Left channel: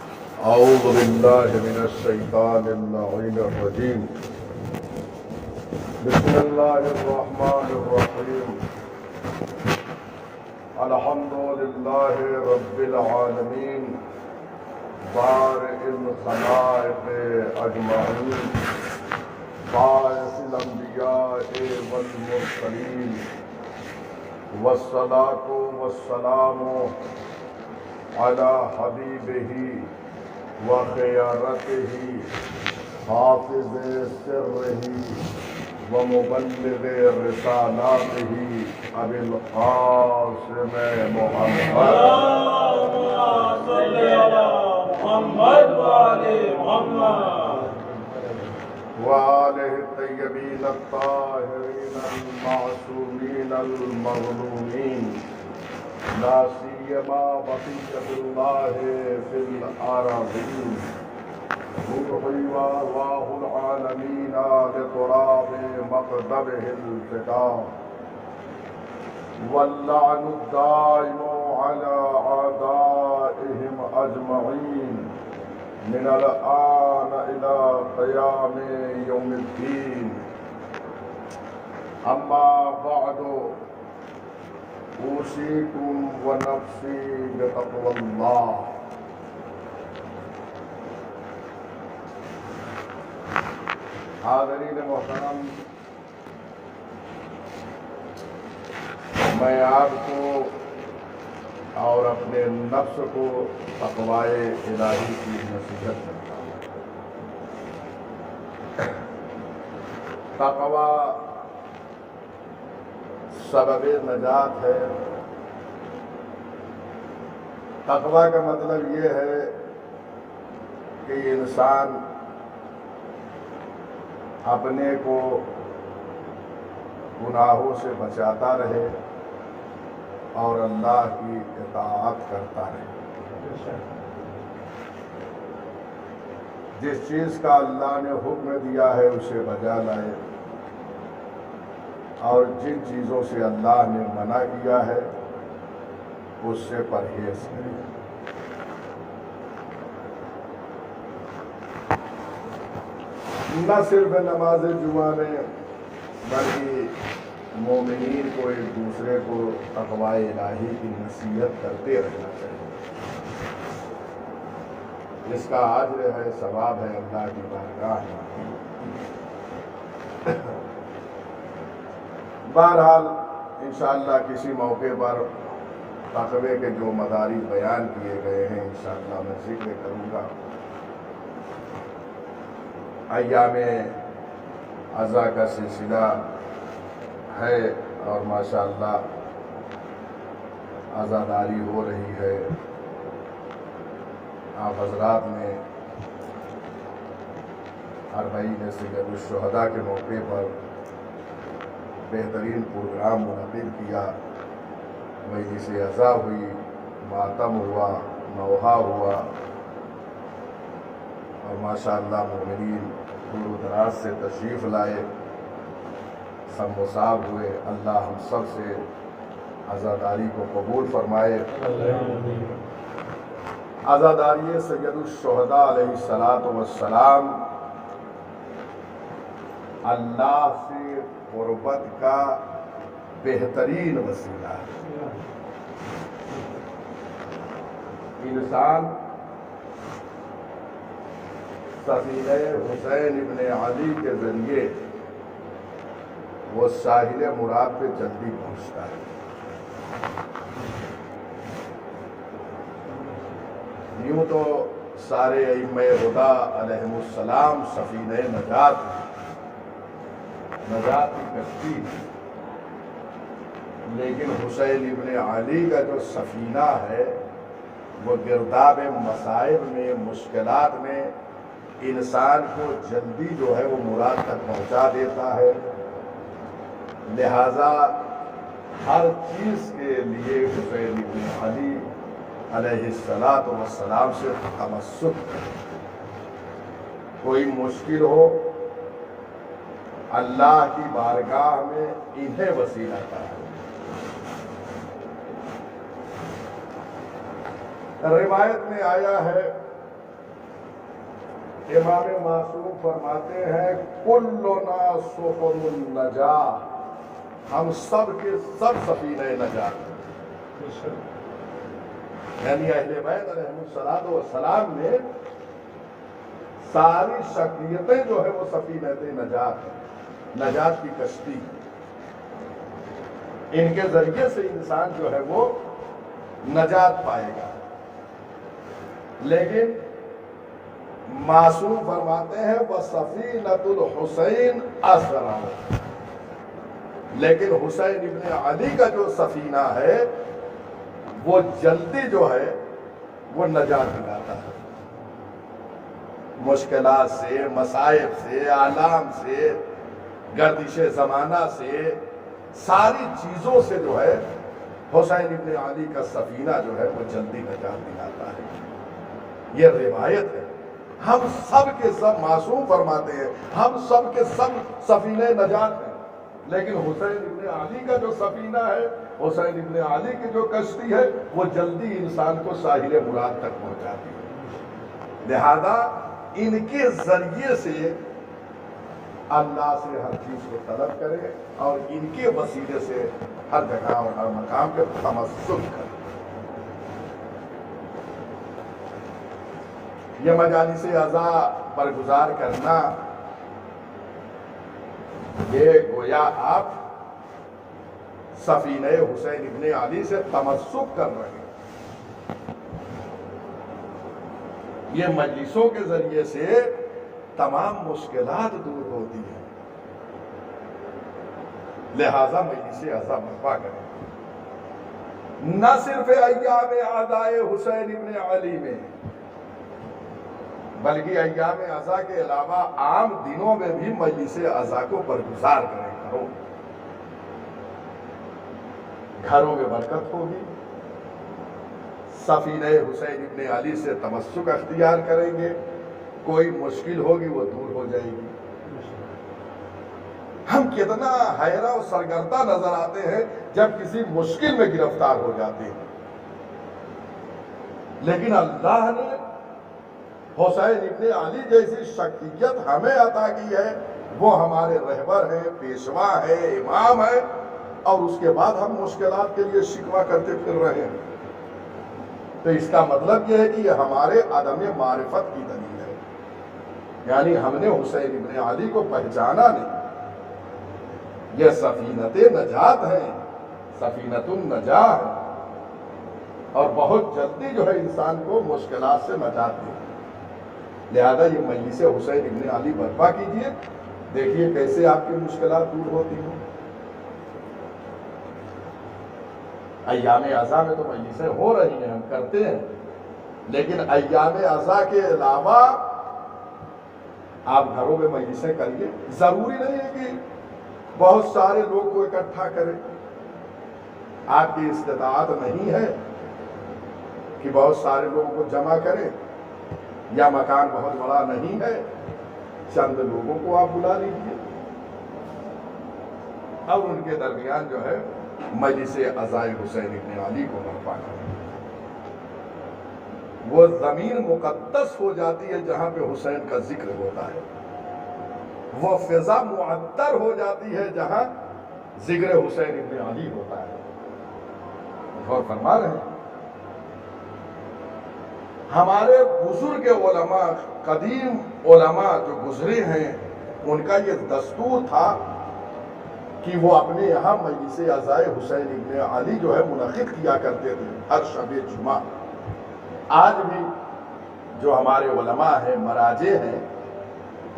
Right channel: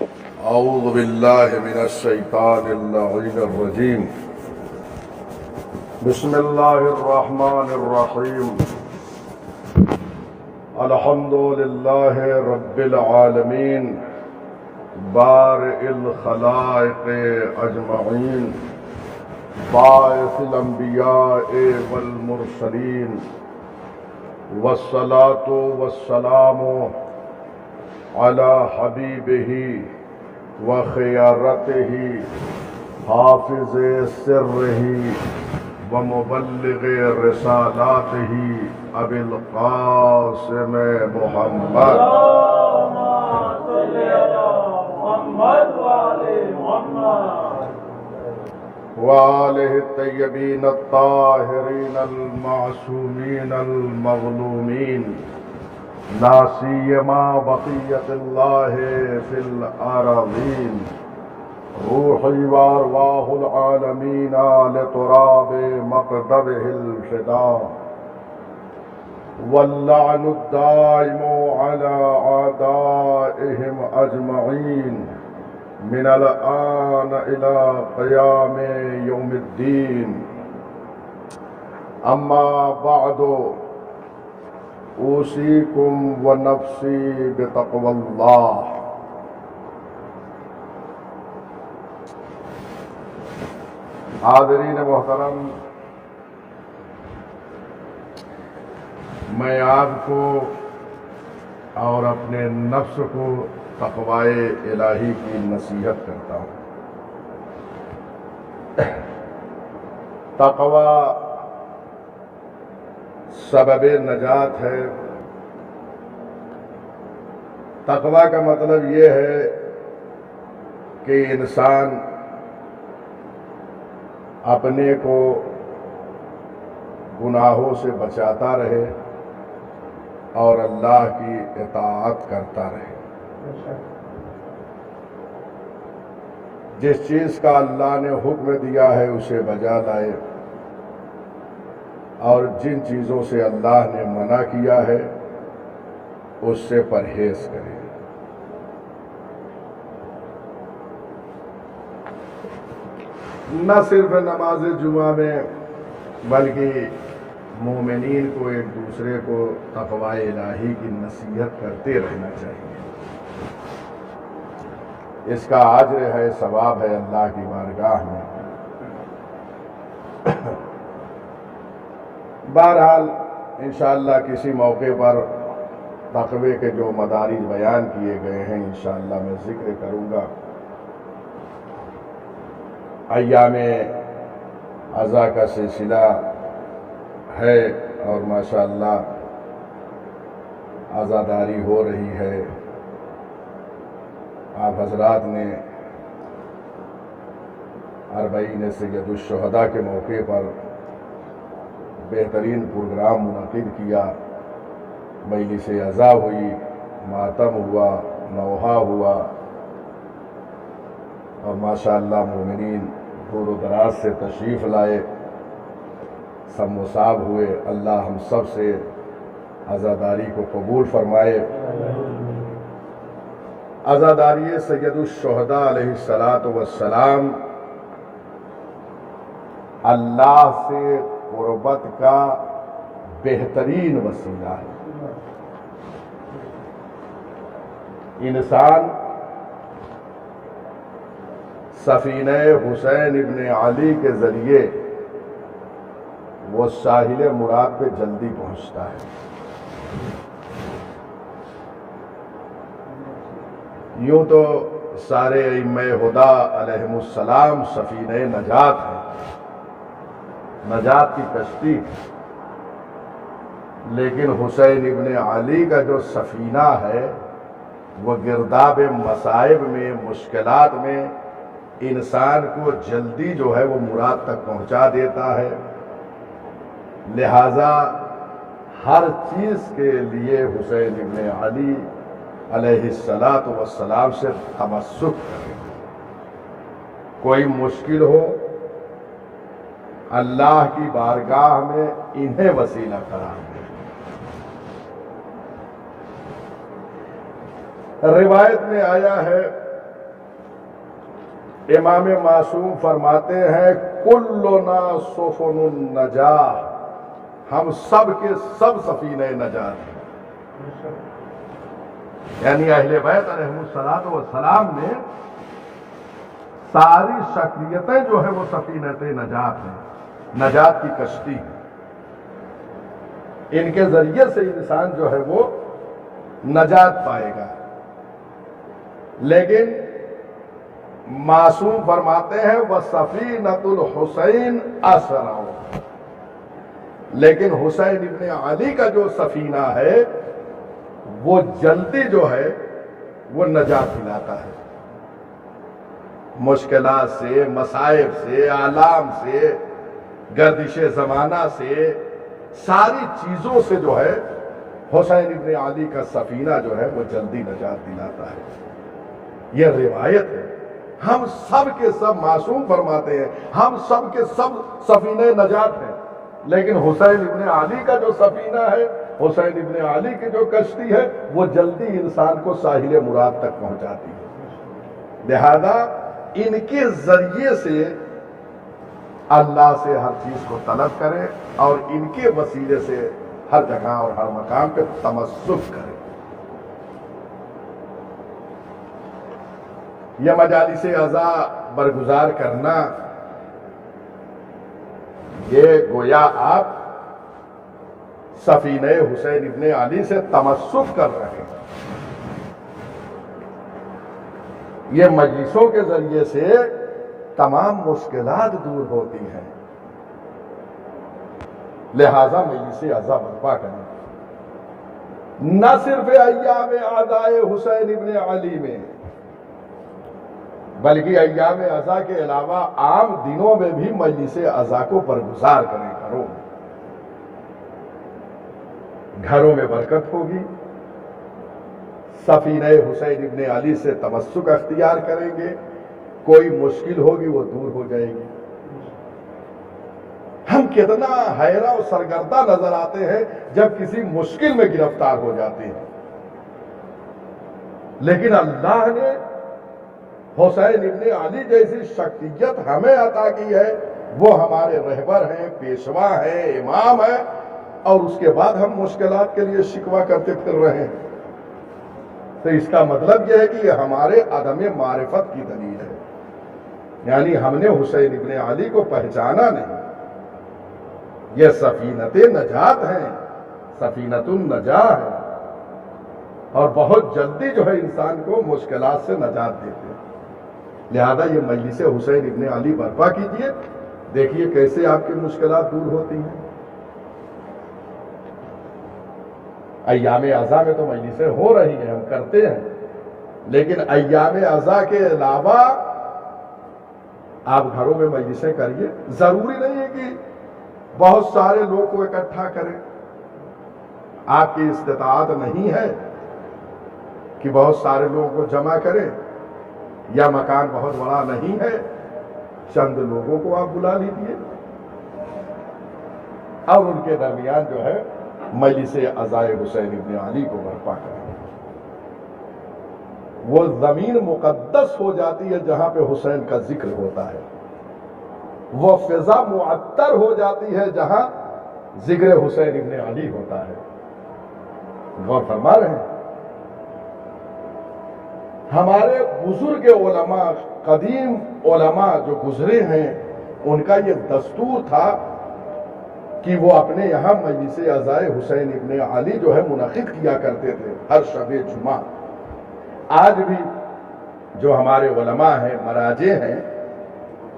اعوذ باللہ من الشیطان اللعین الرجیم بسم اللہ الرحمن الرحیم الحمد للہ رب العالمین بارئ الخلائق اجمعین باعث الانبیاء والمرسلین والصلاة والسلام علی حبیبہ وخیارتہ حافظ سرہ ومبلغ رسالاتہ ابی القاسم محمد وآلہ الطیبین الطاہرین المعصومین المظلومین لا سیما بقیت اللہ فی الارضین روحی وارواح العالمین لتراب مقدبہ الفداء واللعن الدائم على اعدائهم اجمعین من الآن الى قیام یوم الدین اما بعد اوصیکم ونفسی بتقوی اللہ۔ حاضرین محترم، میں آپ کو اور اپنے نفس کو تقوی الہی کی نصیحت کرتا ہوں۔ تقوی سبب نجات ہے۔ تقوی کا مطلب یہ ہے کہ انسان اپنے کو گناہوں سے بچاتا رہے اور اللہ کی اطاعت کرتا رہے۔ جس چیز کا اللہ نے حکم دیا ہے اسے بجا لائے اور جن چیزوں سے اللہ نے منع کیا ہے اس سے پرہیز کرے۔ نہ صرف نماز جمعہ میں بلکہ مومنین کو ایک دوسرے کو تقوی الہی کی نصیحت کرتے رہنا چاہیے۔ اس کا اجر ہے، ثواب ہے اللہ کی بارگاہ میں۔ بہرحال انشاءاللہ کسی موقع پر تقوی کے جو مدارج بیان کیے گئے ہیں انشاءاللہ میں ذکر کروں گا۔ ایام عزا کا سلسلہ ہے اور ماشاءاللہ عزاداری ہو رہی ہے۔ آپ حضرات نے اربعین سید الشہداء کے موقع پر بہترین پروگرام منعقد کیا۔ مجلس عزا ہوئی، ماتم ہوا، نوحہ ہوا اور ماشاءاللہ مومنین دور و دراز سے تشریف لائے، سب مصاب ہوئے۔ اللہ ہم سب سے عزاداری کو قبول فرمائے۔ عزاداری سید الشہداء علیہ السلام اللہ سے قربت کا بہترین وسیلہ ہے۔ انسان سفینہ حسین ابن علی کے ذریعے وہ ساحل مراد پہ جلدی پہنچتا ہے۔ یوں تو سارے ائمہ ہدیٰ علیہم السلام سفینہ نجات ہیں، نجات کی کشتی، لیکن حسین ابن علی کا جو سفینہ ہے وہ گرداب مصائب میں، مشکلات میں انسان کو جلدی جو ہے وہ مراد تک پہنچا دیتا ہے۔ لہذا ہر چیز کے لیے حسین ابن علی علیہ السلام سے تمسک کریں۔ کوئی مشکل ہو اللہ کی بارگاہ میں انہیں وسیلہ قرار دیں۔ روایت میں آیا ہے امام معصوم فرماتے ہیں کلنا سفن النجاہ، ہم سب کے سب سفینہ نجات ہیں۔ یعنی اہل بیت علیہ السلام میں ساری شخصیتیں جو ہے وہ سفینۃ نجات ہیں، نجات کی کشتی ہے۔ ان کے ذریعے سے انسان جو ہے وہ نجات پائے گا۔ لیکن معصوم فرماتے ہیں وَسَفِينَةُ الْحُسَيْنِ أَسْرَعُ، لیکن حسین ابن علی کا جو سفینہ ہے وہ جلدی جو ہے وہ نجات دلاتا ہے، مشکلات سے، مصائب سے، آلام سے، گردش زمانہ سے، ساری چیزوں سے جو ہے حسین ابن علی کا سفینہ جو ہے وہ جلدی نجات دلاتا ہے۔ یہ روایت ہے۔ ہم سب کے سب معصوم فرماتے ہیں ہم سب کے سب سفینہ نجات ہیں، لیکن حسین ابن علی کا جو سفینہ ہے، حسین ابن علی کی جو کشتی ہے وہ جلدی انسان کو ساحل مراد تک پہنچاتی ہے۔ لہذا ان کے ذریعے سے اللہ سے ہر چیز کو طلب کرے اور ان کے وسیلے سے ہر جگہ اور ہر مقام پہ تمسک کرے۔ یہ مجالس عزا برگزار کرنا، یہ گویا آپ سفینہ حسین ابن علی سے تمسک کر رہے ہیں۔ یہ مجلسوں کے ذریعے سے تمام مشکلات دور ہوتی ہیں، لہذا مجلس عزا برپا کریں۔ نہ صرف ایام عزائے حسین ابن علی میں بلکہ ایام عزا کے علاوہ عام دنوں میں بھی مجلس عزا کو برگزار کریں کرو، گھروں میں برکت ہوگی، سفینہ حسین ابن علی سے تمسک اختیار کریں گے، کوئی مشکل ہوگی وہ دور ہو جائے گی۔ ہم کتنا حیرہ و سرگردہ نظر آتے ہیں جب کسی مشکل میں گرفتار ہو جاتے ہیں، لیکن اللہ نے حسین ابن علی جیسی شخصیت ہمیں عطا کی ہے، وہ ہمارے رہبر ہیں، پیشوا ہیں، امام ہیں، اور اس کے بعد ہم مشکلات کے لیے شکوہ کرتے پھر رہے ہیں۔ تو اس کا مطلب یہ ہے کہ یہ ہمارے عدم معرفت کی دلیل ہے، یعنی ہم نے حسین ابن علی کو پہچانا نہیں۔ یہ سفینۃ نجات ہیں، سفینۃ النجاہ ہے، اور بہت جلدی جو ہے انسان کو مشکلات سے نجات دیتے ہیں۔ لہذا یہ مجلس حسین ابن علی برپا کیجئے، دیکھیے کیسے آپ کی مشکلات دور ہوتی ہیں۔ ایام عزا میں تو مجلسیں ہو رہی ہیں، ہم کرتے ہیں، لیکن ایام عزا کے علاوہ آپ گھروں میں مجلسیں کریے۔ ضروری نہیں ہے کہ بہت سارے لوگ کو اکٹھا کریں، آپ کی استطاعت نہیں ہے کہ بہت سارے لوگوں کو جمع کریں، یا مکان بہت بڑا نہیں ہے، چند لوگوں کو آپ بلا لیجیے اور ان کے درمیان جو ہے مجلس عزائے حسین ابن علی کو برپا کریں۔ وہ زمین مقدس ہو جاتی ہے جہاں پہ حسین کا ذکر ہوتا ہے، وہ فضا معطر ہو جاتی ہے جہاں ذکر حسین ابن علی ہوتا ہے۔ غور فرما رہے ہیں؟ ہمارے بزرگ علماء، قدیم علماء جو گزرے ہیں، ان کا یہ دستور تھا کہ وہ اپنے یہاں مجلس عزائے حسین ابن علی جو ہے منعقد کیا کرتے تھے ہر شب جمعہ۔ آج بھی جو ہمارے علماء ہیں، مراجع ہیں،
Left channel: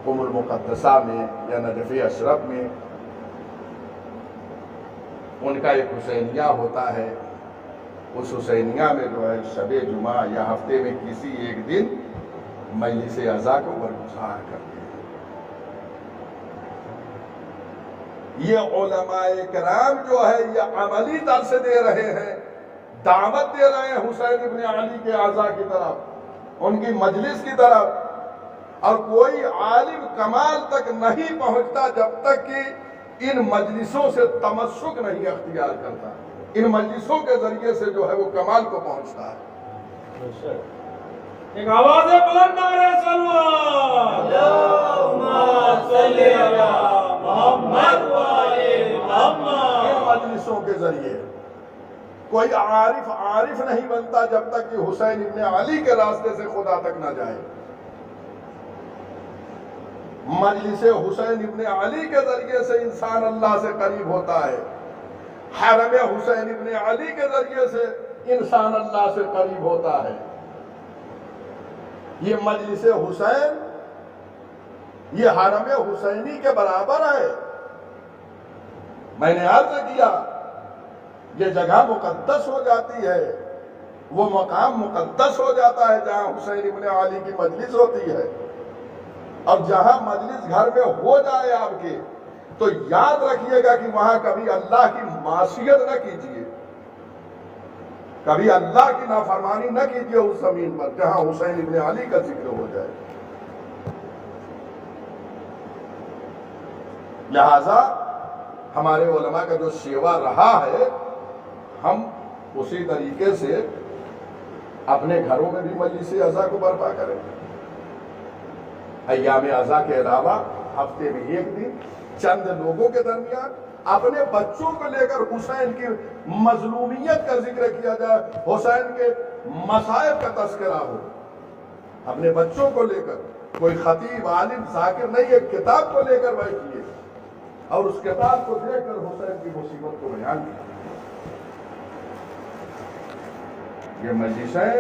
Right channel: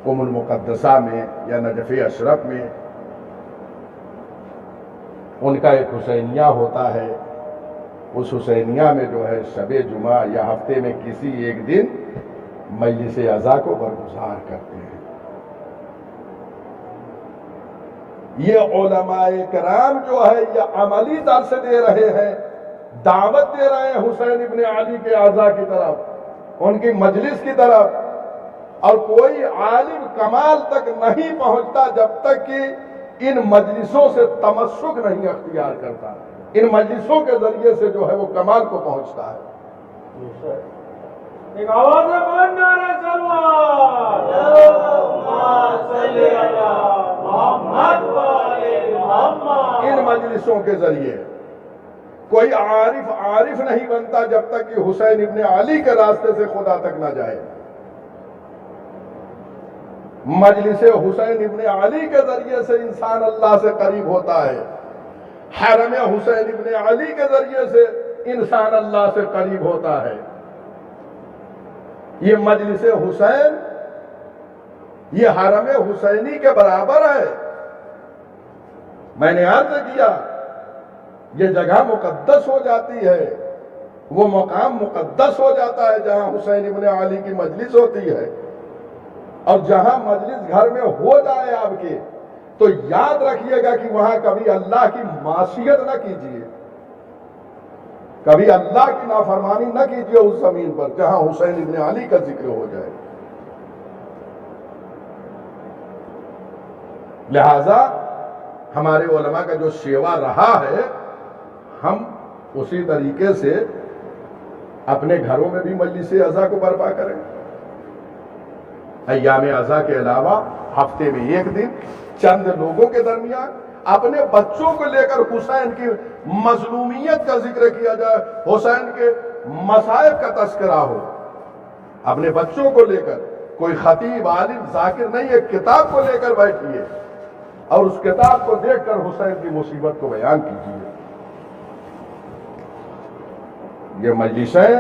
ام المقدسہ میں یا نجف اشرف میں ان کا ایک حسینیہ ہوتا ہے، اس حسینیہ میں جو ہے شب جمعہ یا ہفتے میں کسی ایک دن مجلس عزا کو برگزار کرتے ہیں۔ یہ علماء کرام جو ہے یہ عملی درس دے رہے ہیں، دعوت دے رہے ہیں حسین ابن علی کے عزا کی طرف، ان کی مجلس کی طرف، اور کوئی عالم کمال تک نہیں پہنچتا جب تک کہ ان مجلسوں سے تمسک نہیں اختیار کرتا۔ ان مجلسوں کے ذریعے سے جو ہے وہ کمال کو پہنچتا ہے۔ ایک آواز بلند نعرہ سلوات اللہم صلی علی محمد و آل محمد۔ ان مجلسوں کے ذریعے کوئی عارف نہیں بنتا جب تک کہ حسین ابن علی کے راستے سے خدا تک نہ جائے۔ مجلس حسین ابن علی کے ذریعے سے انسان اللہ سے قریب ہوتا ہے، حرم حسین ابن علی کے ذریعے سے انسان اللہ سے قریب ہوتا ہے۔ یہ مجلس حسین یہ حرم حسینی کے برابر ہے۔ میں نے عرض کیا یہ جگہ مقدس ہو جاتی ہے، وہ مقام مقدس ہو جاتا ہے جہاں حسین ابن علی کی مجلس ہوتی ہے۔ اور جہاں مجلس گھر میں ہو جائے آپ کے تو یاد رکھیے گا کہ وہاں کبھی اللہ کی معصیت نہ کیجیے، کبھی اللہ کی نافرمانی نہ کیجیے اس زمین پر جہاں حسین ابن علی کا ذکر ہو جائے۔ لہذا ہمارے علماء کا جو شیوا رہا ہے ہم اسی طریقے سے اپنے گھروں میں بھی مجلس عزا کو برپا کریں۔ ایام عزا کے علاوہ ہفتے میں ایک دن چند لوگوں کے درمیان اپنے بچوں کو لے کر حسین کی مظلومیت کا ذکر کیا جائے، حسین کے مصائب کا تذکرہ ہو۔ اپنے بچوں کو لے کر کوئی خطیب عالم ذاکر نہیں، ایک کتاب کو لے کر بیٹھیے اور اس کتاب کو دیکھ کر حسین کی مصیبت کو بیان کیجیے۔ یہ مجلسیں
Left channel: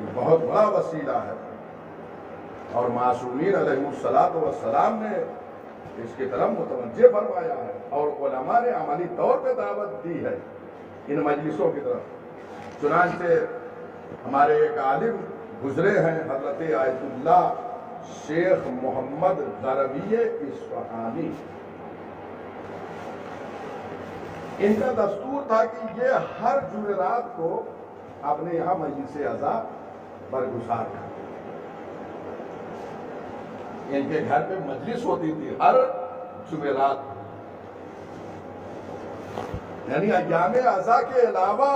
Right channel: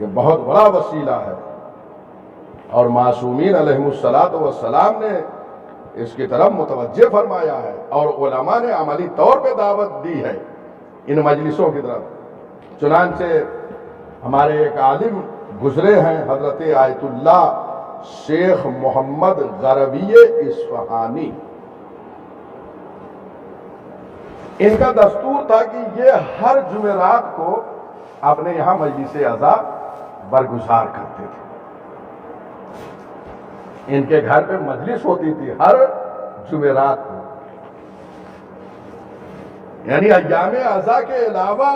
یہ بہت بڑا وسیلہ ہے اور معصومین علیہم السلام نے اس کی طرف متوجہ فرمایا ہے اور علماء نے عملی طور پہ دعوت دی ہے ان مجلسوں کی طرف۔ چنانچہ ہمارے ایک عالم گزرے ہیں حضرت آیت اللہ شیخ محمد غروی اصفہانی، ان کا دستور تھا کہ یہ ہر جمعرات کو اپنے یہاں مجلس عزا برگزار کرتے تھے۔ ان کے گھر پہ مجلس ہوتی تھی ہر جمعرات کو، یعنی ایام عزا کے علاوہ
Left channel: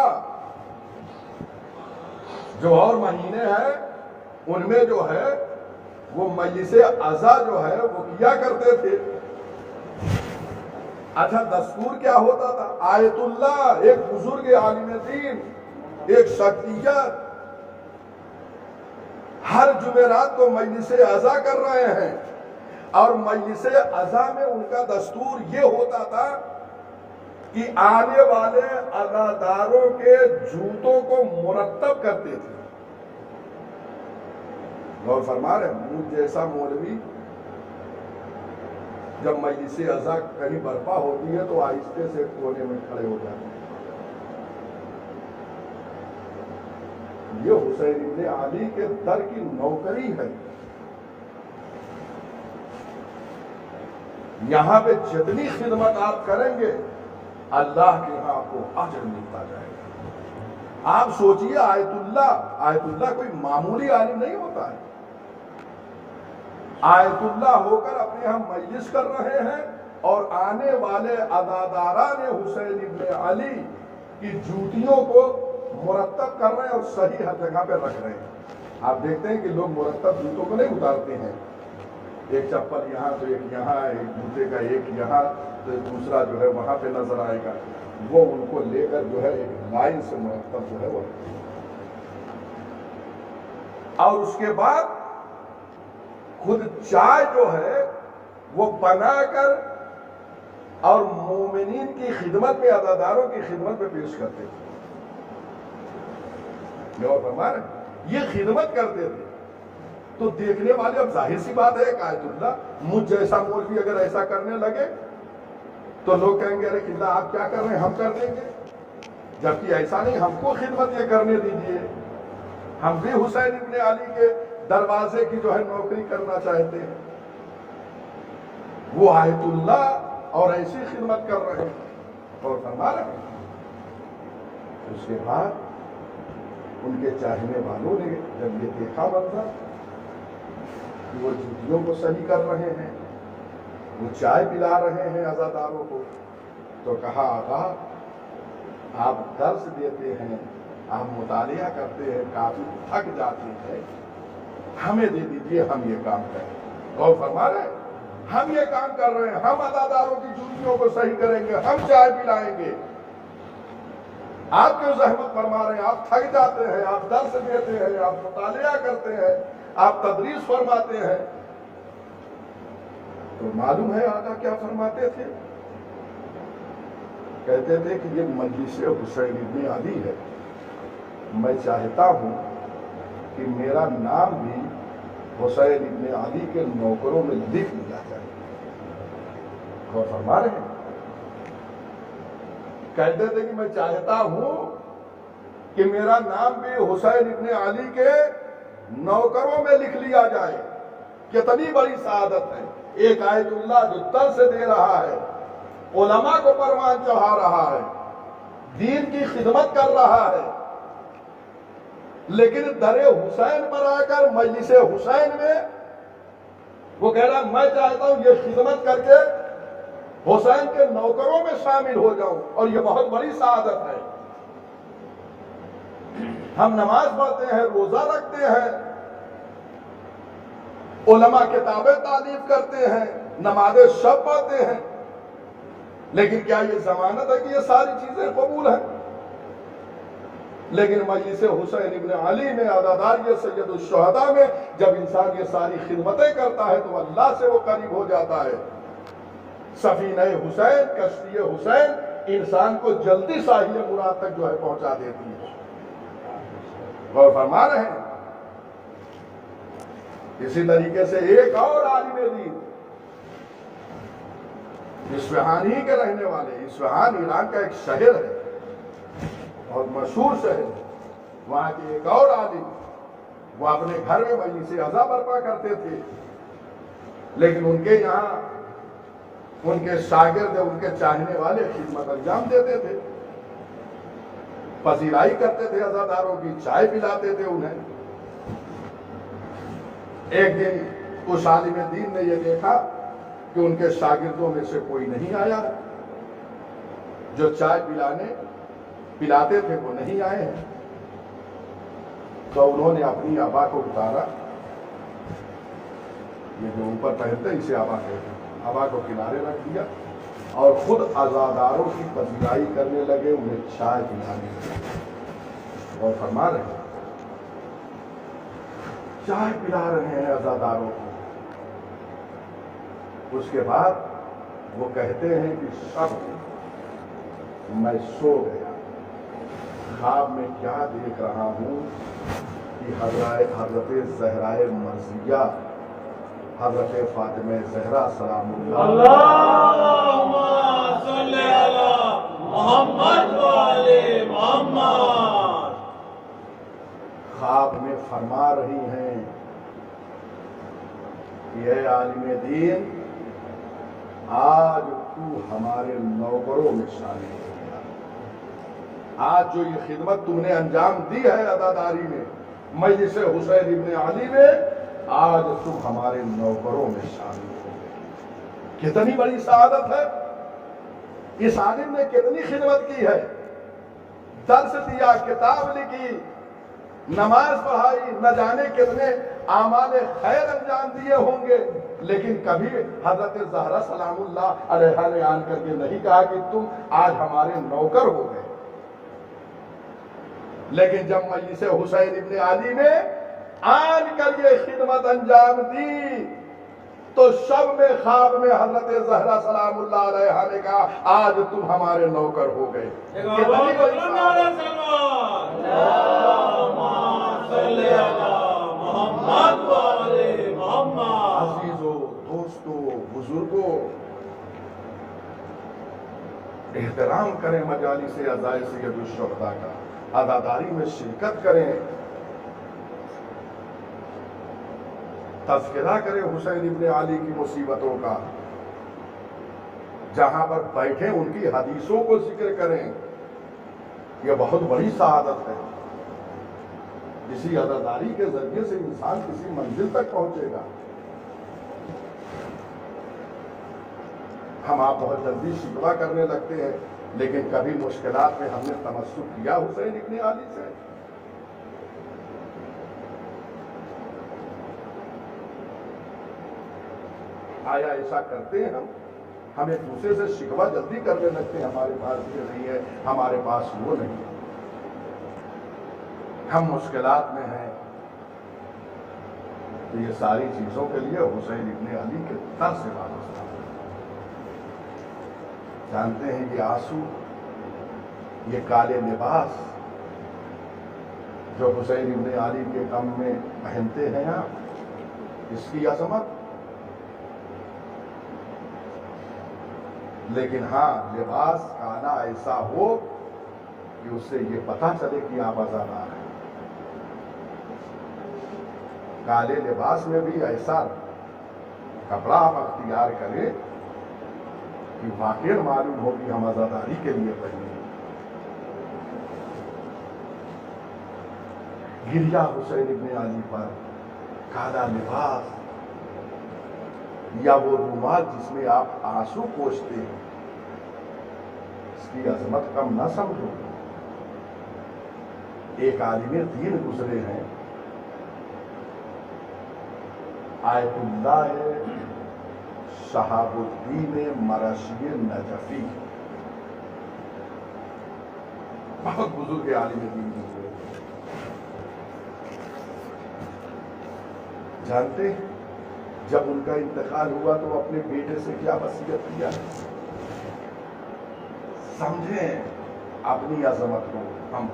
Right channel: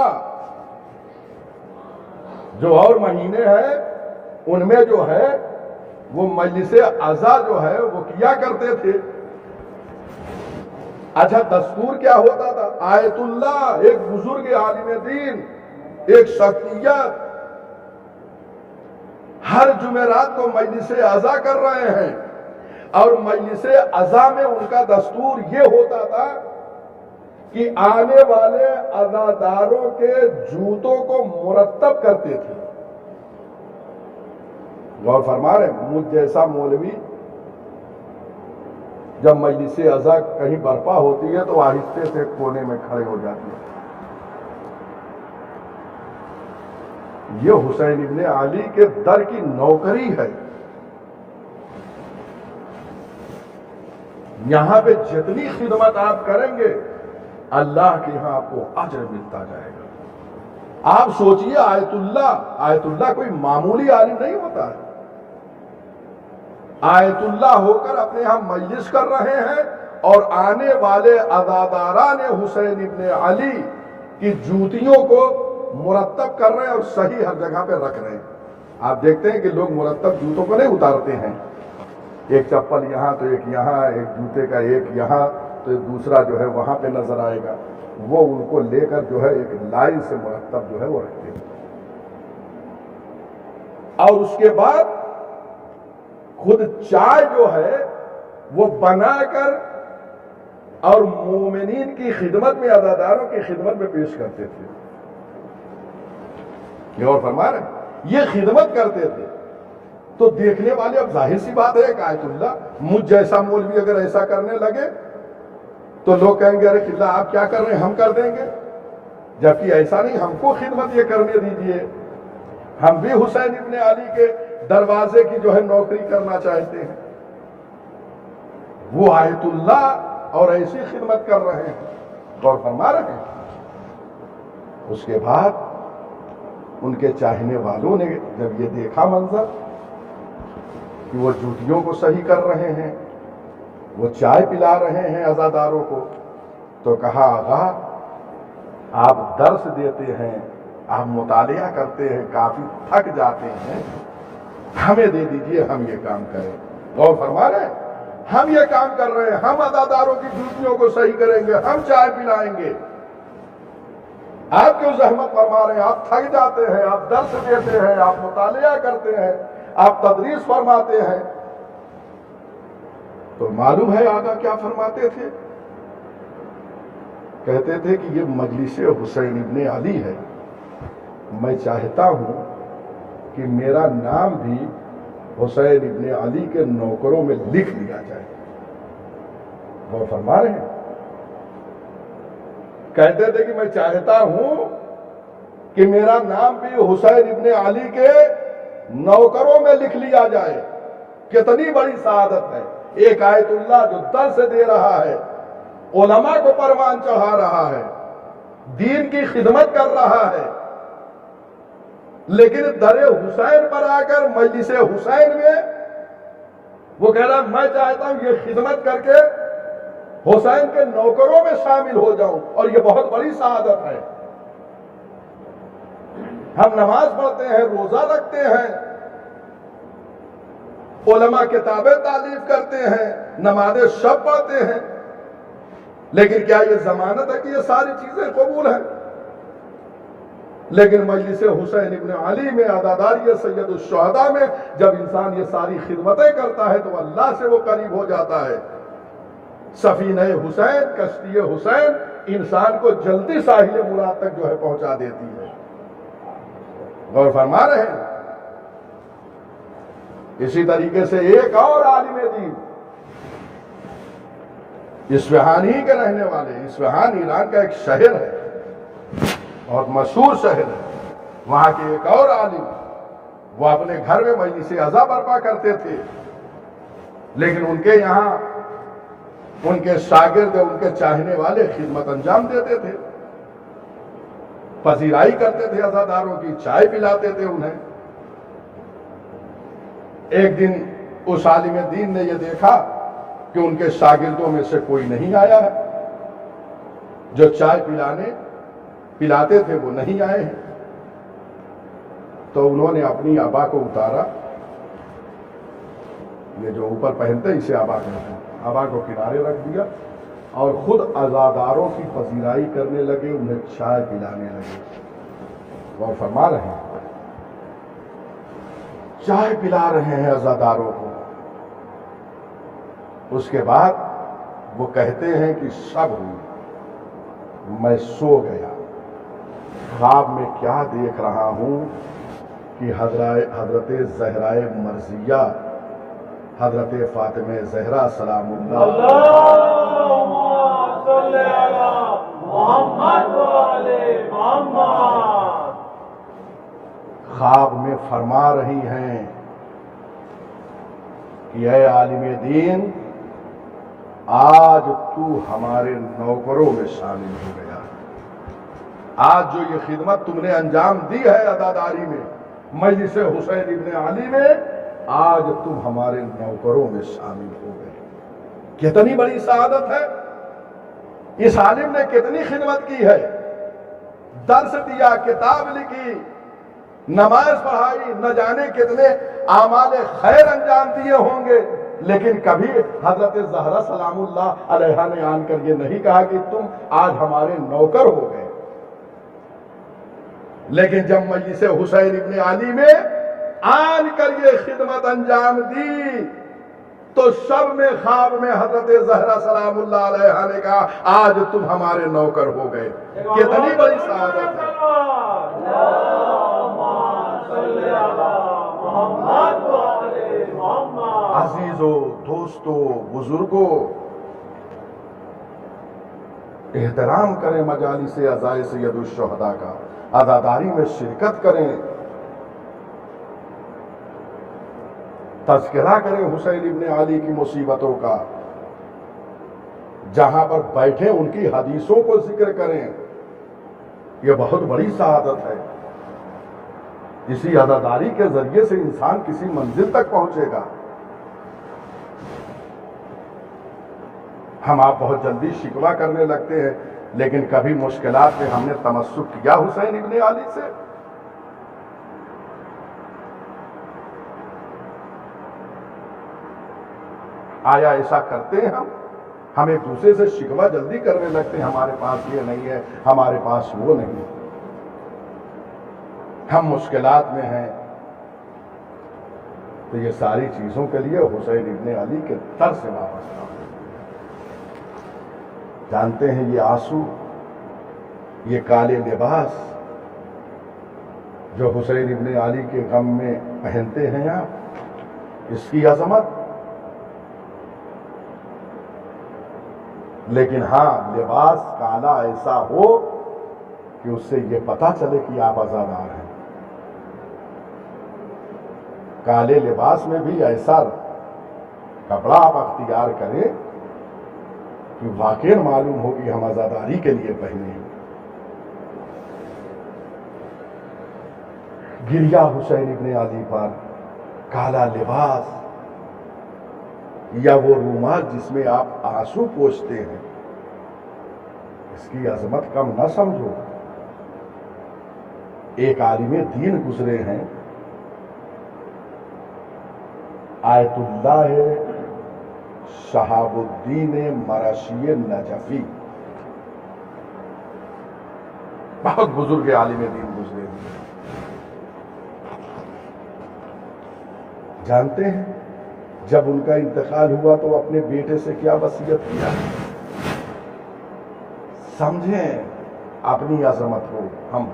جو اور مہینے ہیں ان میں جو ہے وہ مجلس عزا جو ہے وہ کیا کرتے تھے۔ اچھا دستور کیا ہوتا تھا؟ آیت اللہ ایک بزرگ عالم دین، ایک شخصیت ہر جمعرات کو مجلس عزا کر رہے ہیں اور مجلس عزا میں ان کا دستور یہ ہوتا تھا کہ آنے والے عزاداروں کے جوتوں کو مرتب کرتے تھے۔ غور فرما رہے ہیں؟ مجھ جیسا مولوی جب مجلس عزا کہیں برپا ہوتی ہے تو آہستے سے کونے میں کھڑے ہو جاتے ہیں۔ یہ حسین ابن علی کے در کی نوکری ہے۔ یہاں پہ جتنی خدمت آپ کریں گے اللہ کے ہاں آپ کو اجر ملتا جائے گا۔ آپ سوچئے آیت اللہ کوئی معمولی عالم نہیں ہوتا ہے۔ آیت اللہ ہو کر اپنے ہاں مجلس کر رہے ہیں اور آنے والے عزاداران حسین ابن علی کی جوتیوں کو مرتب کر رہے ہیں اور صحیح ہر جگہ پہ رکھ رہے ہیں۔ آپ دیکھتے ہیں کہ لوگ مرتب جوتوں کو نہیں اتارتے ہیں، ایک چپل یہاں تو ایک یہاں، ایک جوتے کا ایک یہاں تو دوسرا جو ہے وہاں پہ نظر آئے گا، وہ ان کو لے کر جو ہے ایک لائن سے مرتب جو ہے وہ رکھتے ہیں۔ اور اس کے بعد خود چائے جو ہے وہ بنا کر اور مومنین کی خدمت میں، عزاداروں کی خدمت میں پیش کرتے تھے۔ یہ اور فرما رہے ہیں یہ خدمت کرتے تھے تو دیکھنے والے، اب ظاہر سی بات ہے کہ آیت اللہ مجھ جیسا مولوی اگر ایسا کرنے لگے تو لوگ کہیں گے ارے قبلہ آپ کیا کر رہے ہیں، ہم کر دیں گے، جبکہ ایسا نہیں، ہم کو خدمت یہ کرنے دیجئے، ہم بھی حسین ابن علی کے دروازے کی جو ہے نوکری کرنا چاہتے ہیں۔ وہ آیت اللہ اور ایسی خدمت کر رہے ہیں، غور فرما رہے ہیں۔ اس کے بعد ان کے چاہنے والوں نے جب یہ دیکھا منظر کہ وہ جوتیوں کو صحیح کر رہے ہیں، وہ چائے پلا رہے ہیں عزاداروں کو، تو کہا آغا آپ درس دیتے ہیں آپ مطالعہ کرتے ہیں، کافی تھک جاتے ہیں، ہمیں دے دیجئے، ہم یہ کام کریں۔ غور فرما رہے ہیں؟ ہم یہ کام کر رہے ہیں، ہم عزاداروں کی ڈیوٹیوں کو صحیح کریں گے، ہم چائے پلائیں گے۔ آپ کیوں زحمت فرما رہے ہیں؟ آپ تھک جاتے ہیں، آپ درس دیتے ہیں، آپ مطالعہ کرتے ہیں، آپ تدریس فرماتے ہیں۔ تو معلوم ہے آقا کیا فرماتے تھے؟ کہتے تھے کہ یہ مجلس حسین ابن علی ہے، میں چاہتا ہوں کہ میرا نام بھی حسین ابن علی کے نوکروں میں لکھ لیا جائے۔ غور فرما رہے ہیں؟ کہتے تھے کہ میں چاہتا ہوں کہ میرا نام بھی حسین ابن علی کے نوکروں میں لکھ لیا جائے۔ کتنی بڑی سعادت ہے! ایک آیت اللہ جو درس دے رہا ہے، علماء کو پروان چڑھا رہا ہے، دین کی خدمت کر رہا ہے، لیکن در حسین پر آ کر مجلس حسین میں وہ کہہ رہا میں چاہتا ہوں یہ خدمت کر کے حسین کے نوکروں میں شامل ہو جاؤں، اور یہ بہت بڑی سعادت ہے۔ ہم نماز پڑھتے ہیں، روزہ رکھتے ہیں، علماء کتابیں تالیف کرتے ہیں، نماز شب پڑھتے ہیں، لیکن کیا یہ ضمانت ہے کہ یہ ساری چیزیں قبول ہیں؟ لیکن مجلس حسین ابن علی میں، عزاداری سید الشہداء میں جب انسان یہ ساری خدمتیں کرتا ہے تو اللہ سے وہ قریب ہو جاتا ہے۔ سفینہ حسین، کشتی حسین انسان کو جلدی ساحل مراد تک جو ہے پہنچا دیتی ہے۔ غور فرما رہے ہیں؟ اسی طریقے سے ایک اور عالم دین، اصفہان ہی کے رہنے والے، اصفہان ایران کا ایک شہر ہے، بہت مشہور شہر ہے، وہاں کے ایک اور عالم، وہ اپنے گھر میں مجلس عزا برپا کرتے تھے، لیکن ان کے یہاں ان کے شاگرد، ان کے چاہنے والے خدمت انجام دیتے تھے، پذیرائی کرتے تھے عزاداروں کی، چائے پلاتے تھے انہیں۔ ایک دن اس عالم دین نے یہ دیکھا کہ ان کے شاگردوں میں سے کوئی نہیں آیا ہے، جو چائے پلاتے تھے وہ نہیں آئے ہیں، تو انہوں نے اپنی عبا کو اتارا، یہ جو اوپر پہنتے اسے عبا کہتے ہیں، عبا کو کنارے رکھ دیا اور خود عزاداروں کی پذیرائی کرنے لگے، انہیں چائے پلانے لگے۔ وہ فرما رہے ہیں چائے پلا رہے ہیں عزاداروں کو۔ اس کے بعد وہ کہتے ہیں کہ شب ہوئی، میں سو گیا، خواب میں کیا دیکھ رہا ہوں کہ حضرت زہرائے مرضیہ، حضرت فاطمہ زہرا سلام اللہ اللہم صلی علی محمد و آل محمد، خواب میں فرما رہی ہیں کہ اے عالم دین، آج تو ہمارے نوکروں میں شامل ہو گیا، آج جو یہ خدمت تم نے انجام دی ہے عزاداری میں، مجلس حسین ابن علی میں، آج تم ہمارے نوکروں میں شامل ہو گئے۔ کتنی بڑی سعادت ہے! اس عالم نے کتنی خدمت کی ہے، درس دیا، کتاب لکھی، نماز پڑھائی، نہ جانے کتنے اعمال خیر انجام دیے ہوں گے، لیکن کبھی حضرت زہرا سلام اللہ علیہا نے آن کر یہ نہیں کہا کہ تم آج ہمارے نوکر ہو گئے۔ لیکن جب مجلس حسین ابن علی میں آن کر یہ خدمت انجام دی تو شب میں خواب میں حضرت زہرا سلام اللہ علیہا نے کہا آج تم ہمارے نوکر ہو گئے۔ کتنی بڑی سعادت ہے! عزیزو، دوستو، بزرگو، احترام کریں مجالس عزائے سید الشہداء کا، عزاداری میں شرکت کریں، تذکرہ کریں حسین ابن علی کی مصیبتوں کا، جہاں پر بیٹھیں ان کی حدیثوں کو ذکر کریں۔ یہ بہت بڑی سعادت ہے، اسی عزاداری کے ذریعے سے انسان کسی منزل تک پہنچے گا۔ ہم آپ بہت جلدی شکوہ کرنے لگتے ہیں لیکن کبھی مشکلات میں ہم نے تمسک کیا حسین ابن علی سے؟ آیا ایسا کرتے ہیں ہم ایک دوسرے سے شکوہ جلدی کرنے لگتے ہیں، ہمارے پاس یہ نہیں ہے، ہمارے پاس وہ نہیں، ہم مشکلات میں ہیں۔ تو یہ ساری چیزوں کے لیے حسین ابن علی کے در سے وابستہ ہے۔ جانتے ہیں یہ آنسو، یہ کالے لباس جو حسین ابن علی کے غم میں پہنتے ہیں آپ، اس کی عظمت، لیکن ہاں لباس کالا ایسا ہو کہ اس سے یہ پتہ چلے کہ آپ عزادار ہیں۔ کالے لباس میں بھی ایسا کپڑا آپ اختیار کریں کہ واقعی معلوم ہو کہ ہم عزاداری کے لیے پہنے ہیں۔ گریا حسین ابن علی پر، کالا لباس یا وہ رومال جس میں آپ آنسو پوچھتے ہیں، اس کی عظمت کم نہ سمجھو۔ ایک عالم دین گزرے ہیں، آیت اللہ شہاب الدین مرشی نجفی، بہت بزرگ عالم دین گزرے ہیں۔ جانتے ہیں جب ان کا انتقال ہوا تو اپنے بیٹے سے کیا وصیت کیا؟ سمجھیں اپنی عظمت کو، ہم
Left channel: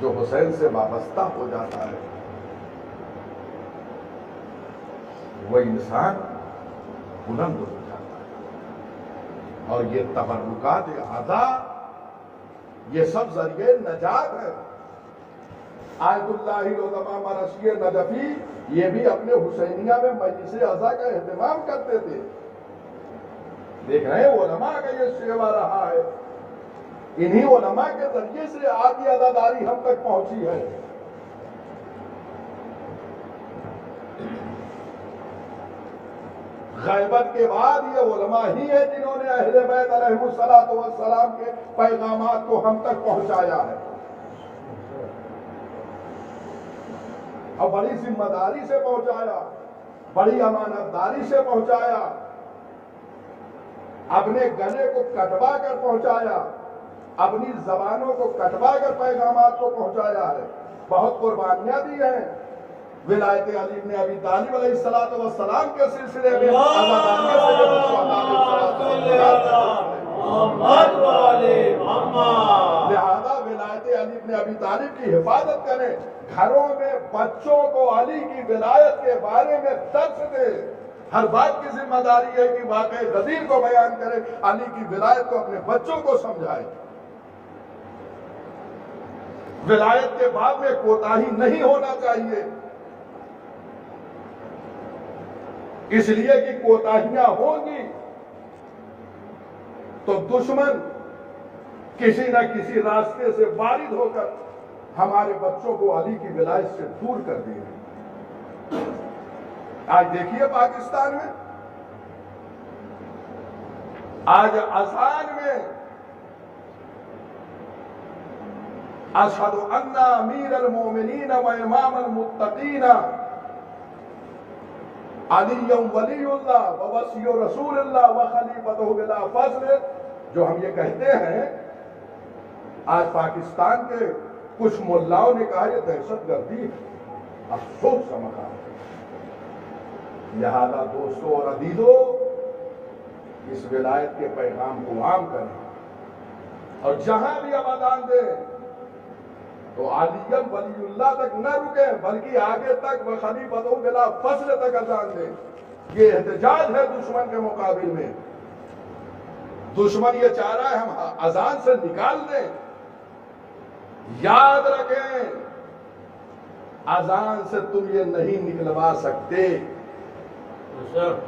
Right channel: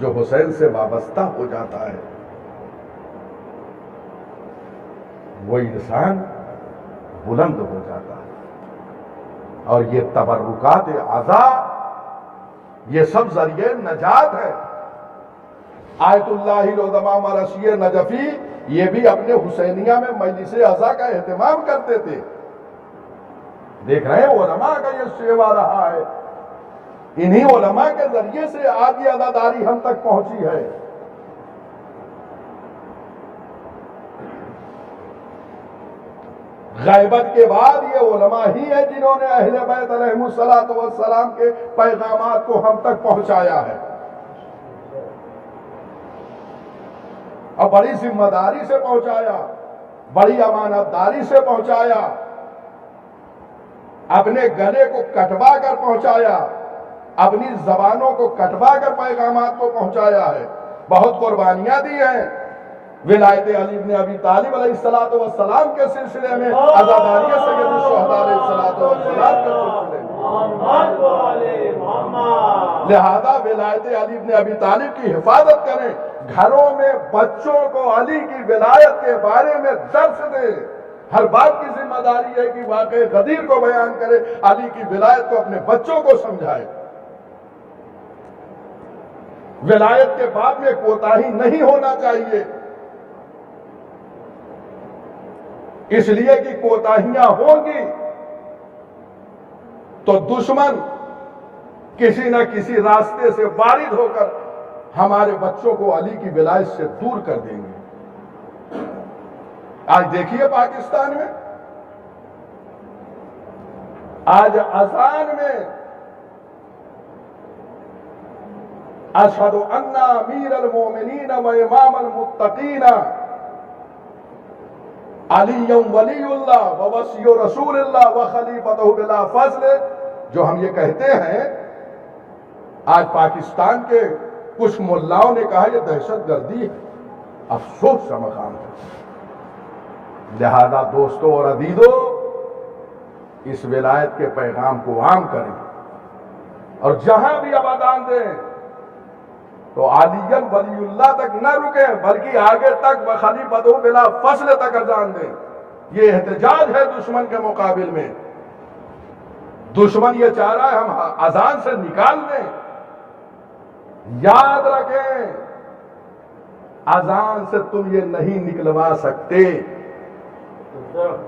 جو حسین سے وابستہ ہو جاتا ہے وہ انسان بلند ہو جاتا ہے، اور یہ تبرکات اعضاء یہ سب ذریعے نجات ہے۔ آیت اللہ العظماء مرشی نجفی یہ بھی اپنے حسینیہ میں مجلس عزا کا اہتمام کرتے تھے۔ دیکھ رہے ہیں علماء کا یہ سیوا رہا ہے، انہی علماء کے ذریعے سے آج یہ عزاداری ہم تک پہنچی ہے۔ غیبت کے بعد یہ علماء ہی ہیں جنہوں نے اہل بیت علیہم السلام کے پیغامات کو ہم تک پہنچایا ہے، اور بڑی ذمہ داری سے پہنچایا، بڑی امانت داری سے پہنچایا، اپنے گلے کو کٹوا کر پہنچایا، اپنی زبانوں کو کٹوا کر پیغامات کو پہنچایا ہے۔ بہت قربانیاں دی ہیں۔ ولایت علی بن ابی طالب علیہ السلام کے سلسلے میں، عزاداری سید الشہداء علیہ السلام کے سلسلے میں، محمد والے محمد، لہذا ولایت علی بن ابی طالب کی حفاظت کریں، گھروں میں بچوں کو علی کی ولایت کے بارے میں درس دیں۔ ہر باپ کی ذمہ داری ہے کہ واقع غدیر کو بیان کرے، علی کی ولایت کو اپنے بچوں کو سمجھائے۔ ولایت کے بعد میں کوتاہی نہیں ہونا چاہیے، اس لیے کہ کوتاہیاں ہوں گی تو دشمن کسی نہ کسی راستے سے وارد ہو کر ہمارے بچوں کو علی کی ولایت سے دور کر دیں گے۔ آج دیکھیے پاکستان میں، آج اذان میں اشہد ان امیر المومنین و امام المتقین علی ولی اللہ و وصی رسول اللہ و خلیفتہ بلا فضل، جو ہم یہ کہتے ہیں، آج پاکستان کے کچھ ملاؤں نے کہا یہ دہشت گردی ہے۔ افسوس کا مقام ہے۔ لہذا دوستو اور عزیزو، اس ولایت کے پیغام کو عام کریں، اور جہاں بھی اب اذان دیں تو علی ولی اللہ تک نہ رکیں، بلکہ آگے تک وخلیفتہ بلا فصل تک اذان دیں۔ یہ احتجاج ہے دشمن کے مقابل میں۔ دشمن یہ چاہ رہا ہے ہم اذان سے نکال دیں۔ یاد رکھیں، اذان سے تم یہ نہیں نکلوا سکتے،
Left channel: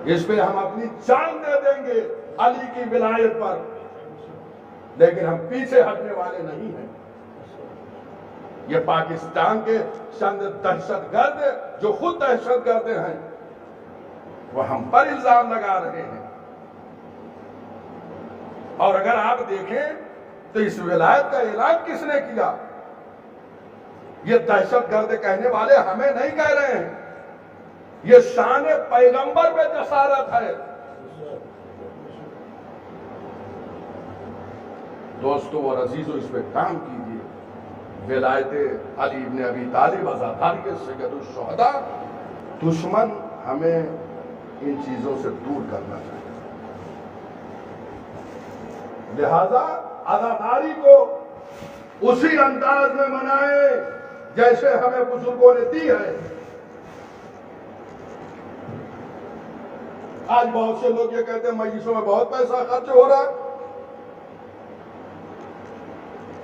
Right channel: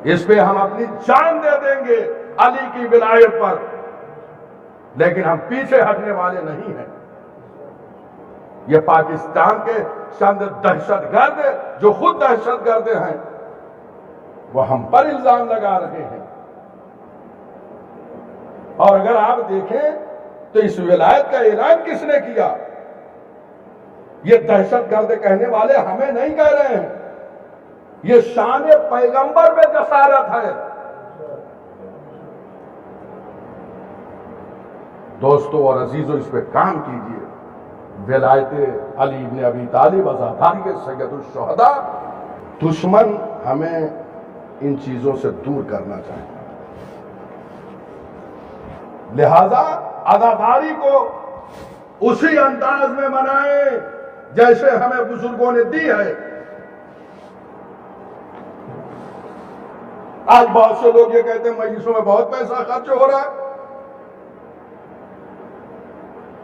اس پہ ہم اپنی جان دے دیں گے علی کی ولایت پر، لیکن ہم پیچھے ہٹنے والے نہیں ہیں۔ یہ پاکستان کے چند دہشت گرد جو خود دہشت گرد ہیں وہ ہم پر الزام لگا رہے ہیں، اور اگر آپ دیکھیں تو اس ولایت کا اعلان کس نے کیا؟ یہ دہشت گرد کہنے والے ہمیں نہیں کہہ رہے ہیں، یہ شان پیغمبر میں جسارت ہے۔ دوستو اور عزیزو، اس پہ کام کیجئے۔ ولایت علی ابن ابی طالب، عزاداری سید الشہداء، دشمن ہمیں ان چیزوں سے دور کرنا چاہتا ہے، لہذا عزاداری کو اسی انداز میں منائیں جیسے ہمیں بزرگوں نے دی ہے۔ آج بہت سے لوگ یہ کہتے ہیں مجلسوں میں بہت پیسہ خرچ ہو رہا ہے،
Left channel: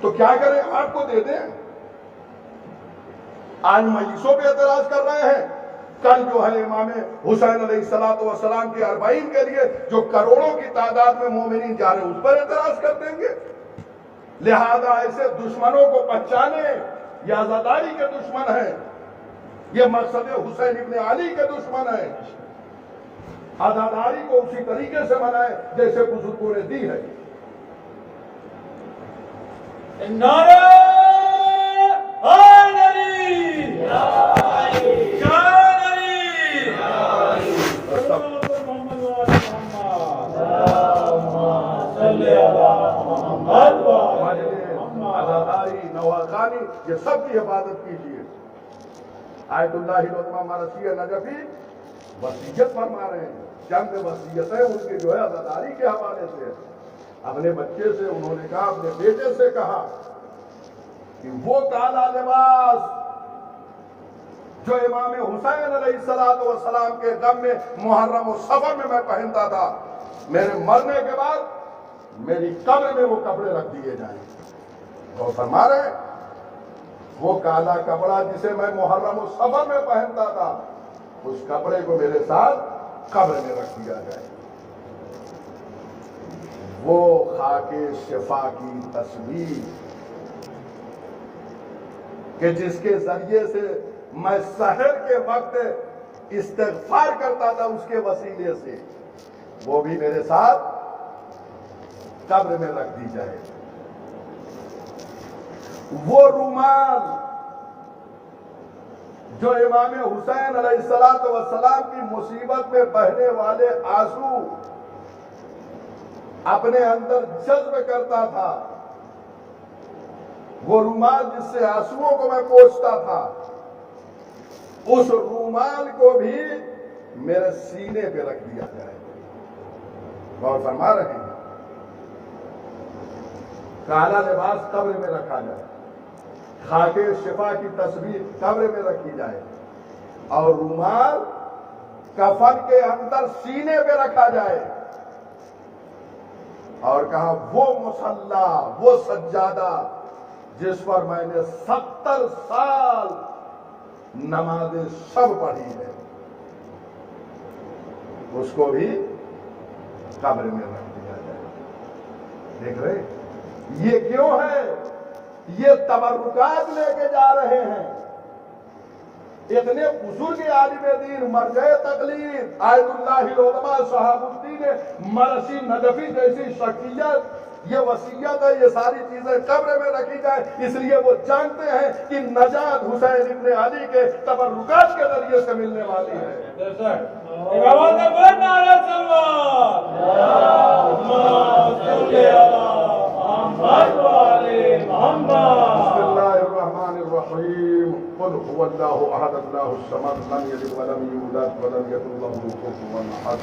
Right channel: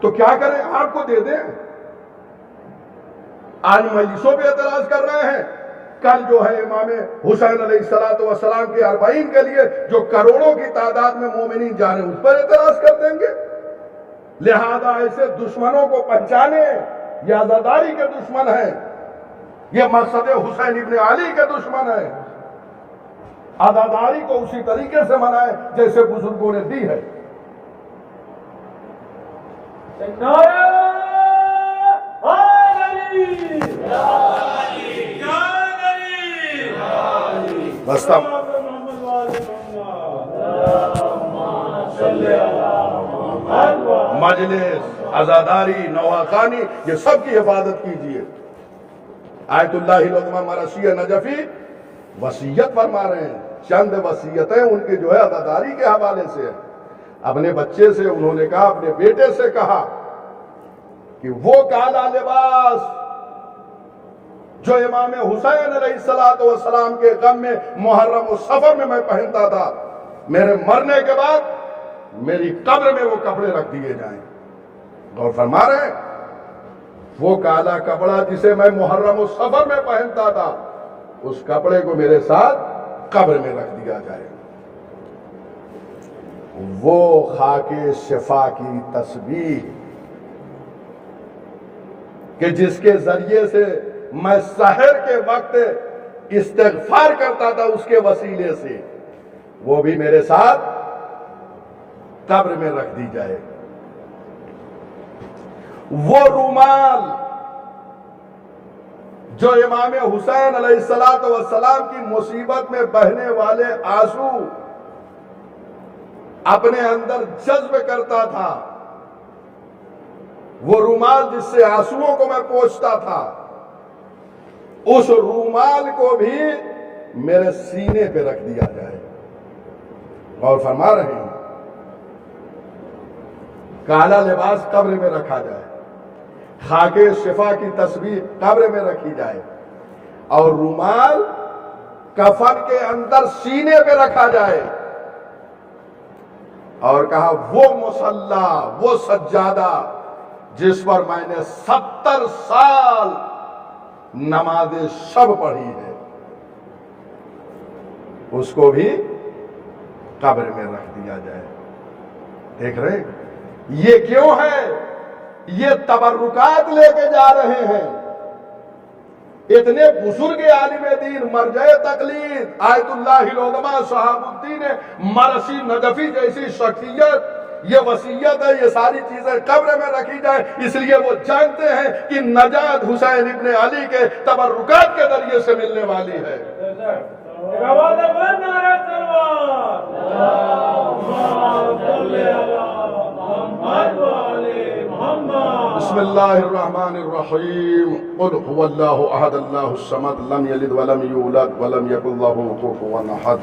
تو کیا کریں؟ آپ کو دے دیں۔ آج مجلسوں پہ اعتراض کر رہے ہیں، کل جو ہے امام حسین علیہ السلام کی 40 کے لیے جو کروڑوں کی تعداد میں مومنین جا رہے ہیں، اس پر اعتراض کر دیں گے۔ لہذا ایسے دشمنوں کو پہچانے، یہ عزاداری کے دشمن ہیں، یہ مقصد حسین ابن علی کے دشمن ہیں۔ عزاداری کو اسی طریقے سے منائیں جیسے بزرگوں نے دی ہے۔ نعرہ حیدری، شان علی، بس مجلس، عزاداری، نواخانی، یہ سب کی حفاظت کیجیے۔ آیت اللہ العظمہ مرثیہ نجفی وصیت فرما رہے ہیں، چند وصیتیں ان کی جو ہے عزاداری کے حوالے سے ہے۔ اپنے بچے سے انہوں نے کہا، اپنے بیٹے سے کہا کہ وہ کالا لباس جو امام حسین علیہ السلام کے غم میں محرم و صفر میں پہنتا تھا، میرے مرنے کے بعد میری قبر میں وہ کپڑے رکھ دیے جائیں۔ اور فرما رہے ہیں، وہ کالا کپڑا جسے میں محرم و صفر میں پہنتا تھا، اس کپڑے کو میرے ساتھ قبر میں رکھ دیا جائے۔ وہ خاک شفا کی تسبیح کہ جس کے ذریعے سے میں سحر کے وقت استغفار کرتا تھا، اس کے وسیلے سے وہ بھی میرے ساتھ قبر میں رکھ دی جائے۔ وہ رومال جو امام حسین علیہ السلام کی مصیبت میں بہنے والے آنسو اپنے اندر جذب کرتا تھا، وہ رومال جس سے آنسوؤں کو میں پوچھتا تھا، اس رومال کو بھی میرے سینے پہ رکھ دیا جائے۔ اور فرما رہے ہیں، کالا لباس قبر میں رکھا جائے، خاک شفا کی تصویر قبر میں رکھی جائے، اور رومال کفن کے اندر سینے پہ رکھا جائے۔ اور کہا وہ مصلی، وہ سجادہ جس پر میں نے 70 سال نماز شب پڑھی ہے، اس کو بھی قبر میں رکھ دیا جائے۔ دیکھ رہے یہ کیوں ہے؟ یہ تبرکات لے کے جا رہے ہیں۔ اتنے بزرگ عالم دین، مرجع تقلید، آیت اللہ العظمہ شہاب الدین مرثی نجفی جیسی شخصیت، یہ وصیت ہے یہ ساری چیزیں قبر میں رکھی جائے، اس لیے وہ جانتے ہیں کہ نجات حسین ابن علی کے تبرکات کے ذریعے سے ملنے والی ہے۔ بسم اللہ الرحمن الرحیم، قل هو اللہ احد اللہ الصمد لم یلد ولم یولد ولم یکن لہ کفوا احد۔